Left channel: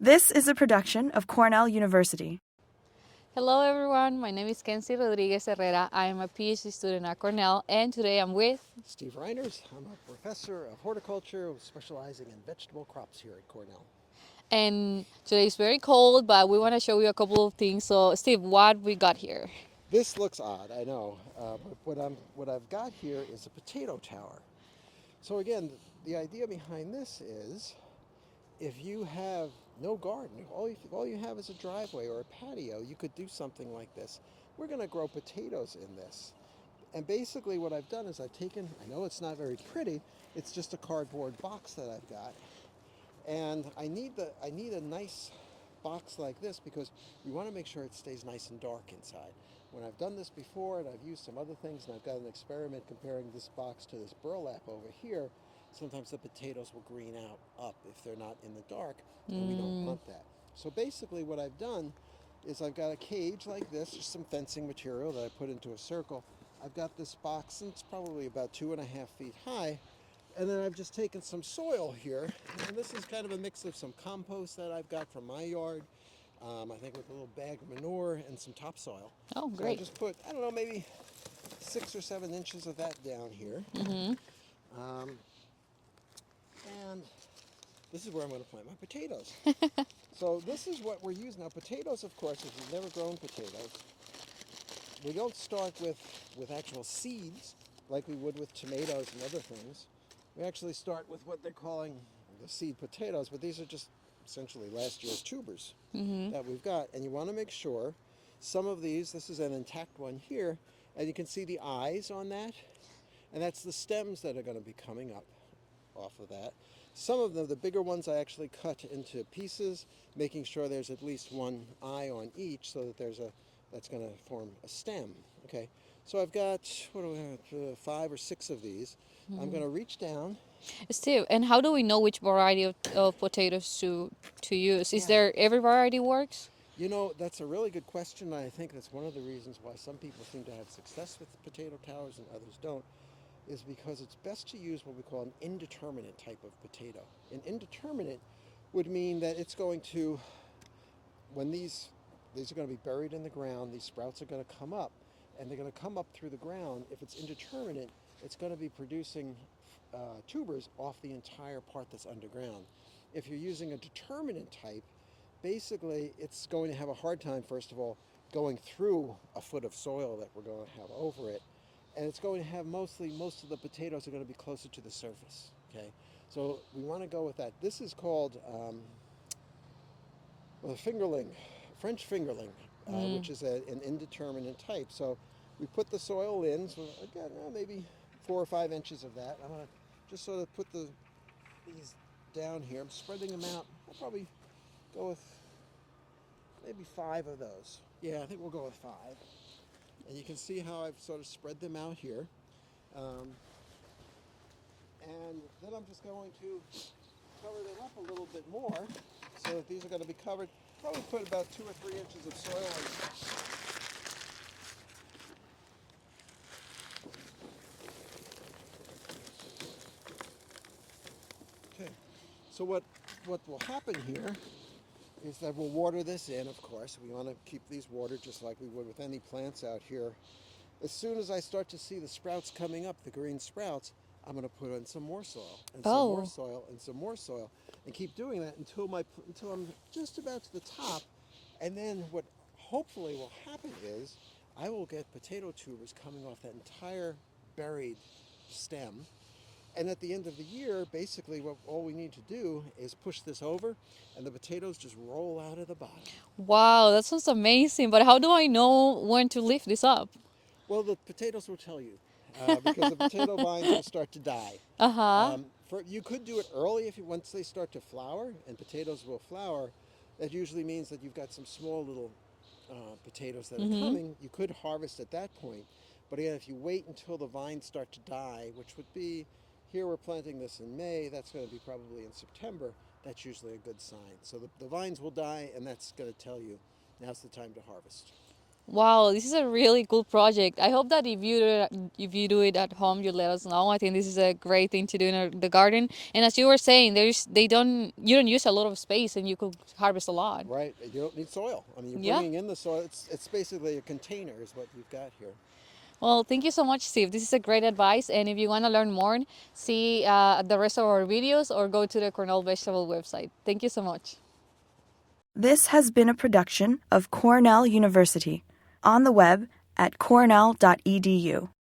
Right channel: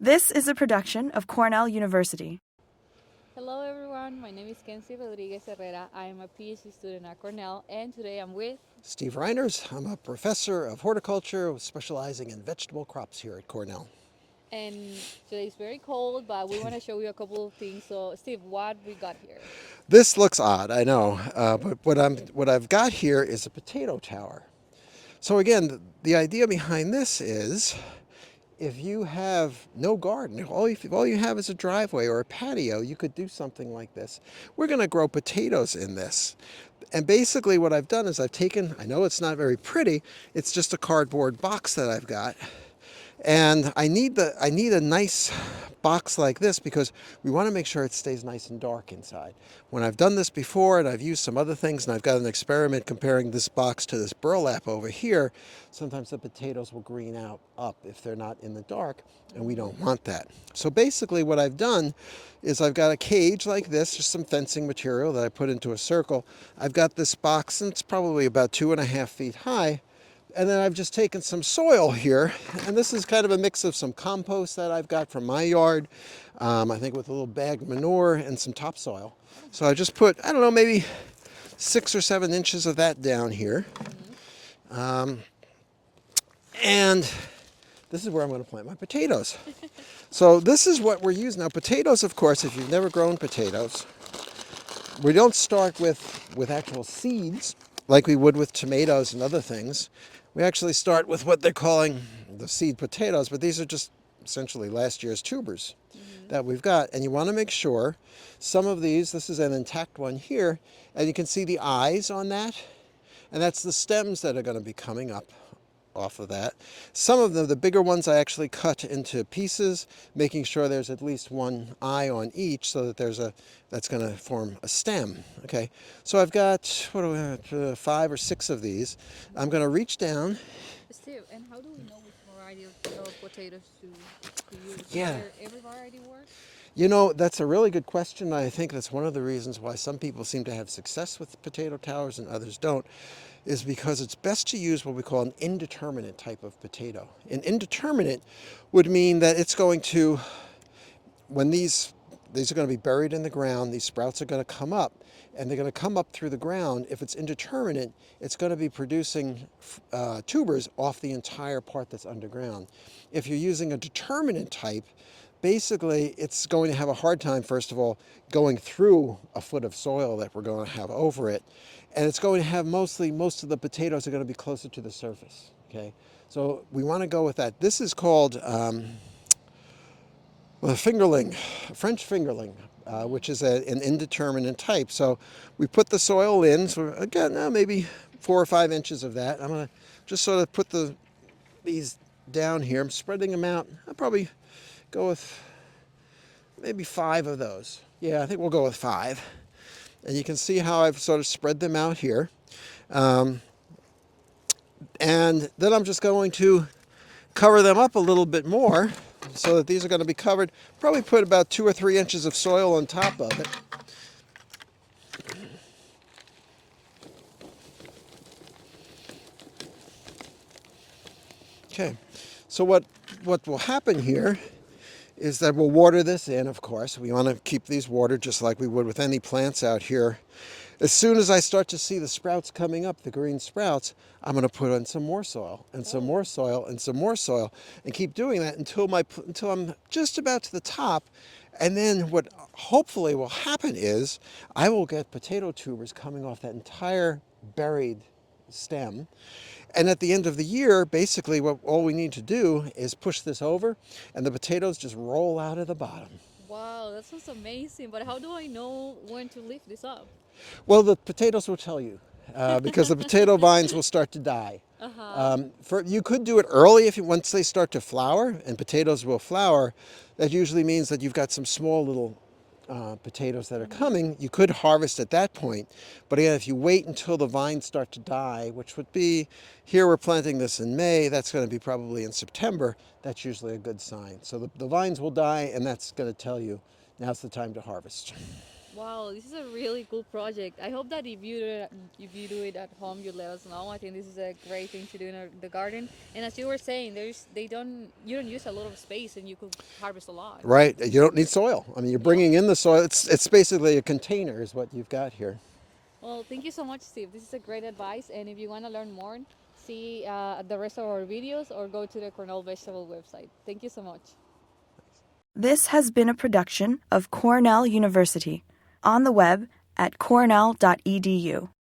This is a production of Cornell University. Hello everyone, my name is Kensy Rodriguez Herrera. I am a Ph.D. student at Cornell, and today I'm with Steve Reiners. I'm a professor of horticulture specializing in vegetable crops here at Cornell. and today is very cold, but we want to show you a couple of things. So Steve, what we got here? This looks odd, I know, but what I've got here is a potato tower. So again, the idea behind this is if you have no garden, all you have is a driveway or a patio, you could do something like this. We're going to grow potatoes in this. And basically what I've done is I've taken, I know it's not very pretty, it's just a cardboard box that I've got. And I need a nice box like this because we want to make sure it stays nice and dark inside. When I've done this before and I've used some other things and I've got an experiment comparing this box to this burlap over here, sometimes the potatoes will green out up if they're not in the dark, and we don't want that. So basically what I've done is I've got a cage like this, just some fencing material that I put into a circle. I've got this box and it's probably about 2.5 feet high. And then I've just taken some soil here, and this is kind of a mix of some compost that I've got from my yard, I think with a little bag of manure and some topsoil. Oh, so I just put, I don't know, maybe 6 or 7 inches of that down here. And this is where I'm going to plant my potatoes. So this is what we're using. Now potatoes, of course, if you've never grown potatoes, we don't start with actual seeds like we would with tomatoes and other things. We actually start with what they're calling the seed potatoes, but these are just essentially last year's tubers that we've got. And you want to make sure some of these, this is an intact one here, and you can see the eyes on that, and that's the stems that are going to be coming up off of that. Some of them, the bigger ones, I actually cut into pieces, making sure there's at least one eye on each so that that's going to form a stem. Okay, so I've got, 5 or 6 of these. I'm going to reach down. Steve, and how do we know which variety of potatoes to use? Is Yeah. there every variety works? You know, that's a really good question. I think that's one of the reasons why some people seem to have success with potato towers and others don't, is because it's best to use what we call an indeterminate type of potato. An indeterminate would mean that it's going to, when these are going to be buried in the ground, these sprouts are going to come up, and they're going to come up through the ground. If it's indeterminate, it's going to be producing tubers off the entire part that's underground. If you're using a determinate type, basically it's going to have a hard time, first of all, going through a foot of soil that we're going to have over it. And it's going to have most of the potatoes are going to be closer to the surface. Okay, so we want to go with that. This is called a fingerling, French fingerling, which is an indeterminate type. So we put the soil in. So again, maybe 4 or 5 inches of that. I'm going to just sort of put these down here. I'm spreading them out. I'll probably go with maybe 5 of those. Yeah, I think we'll go with 5. And you can see how I've sort of spread them out here. And then I'm just going to cover them up a little bit more so that these are going to be covered. Probably put about 2 or 3 inches of soil on top of it. Okay, so what will happen here is that we'll water this in, of course. We want to keep these watered just like we would with any plants out here. As soon as I start to see the sprouts coming up, the green sprouts, I'm going to put in some more soil and some more soil and some more soil and keep doing that until I'm just about to the top. And then what hopefully will happen is I will get potato tubers coming off that entire buried stem. And at the end of the year, basically all we need to do is push this over and the potatoes just roll out of the bottom. Wow, that sounds amazing. But how do I know when to lift this up? Well, the potatoes will tell you because the potato vines will start to die. You could do it early once they start to flower, and potatoes will flower. That usually means that you've got some small little potatoes that are coming. You could harvest at that point. But again, if you wait until the vines start to die, which would be, here we're planting this in May, that's going to be probably in September, that's usually a good sign. So the vines will die, and that's going to tell you now's the time to harvest. Wow, this is a really cool project. I hope that if you do it at home, you let us know. I think this is a great thing to do in the garden. And as you were saying, you don't use a lot of space, and you could harvest a lot. Right. You don't need soil. I mean, you're Yeah. bringing in the soil. It's basically a container is what you've got here. Well, thank you so much, Steve. This is a great advice. And if you want to learn more, see the rest of our videos or go to the Cornell Vegetable website. Thank you so much. This has been a production of Cornell University, on the web at cornell.edu.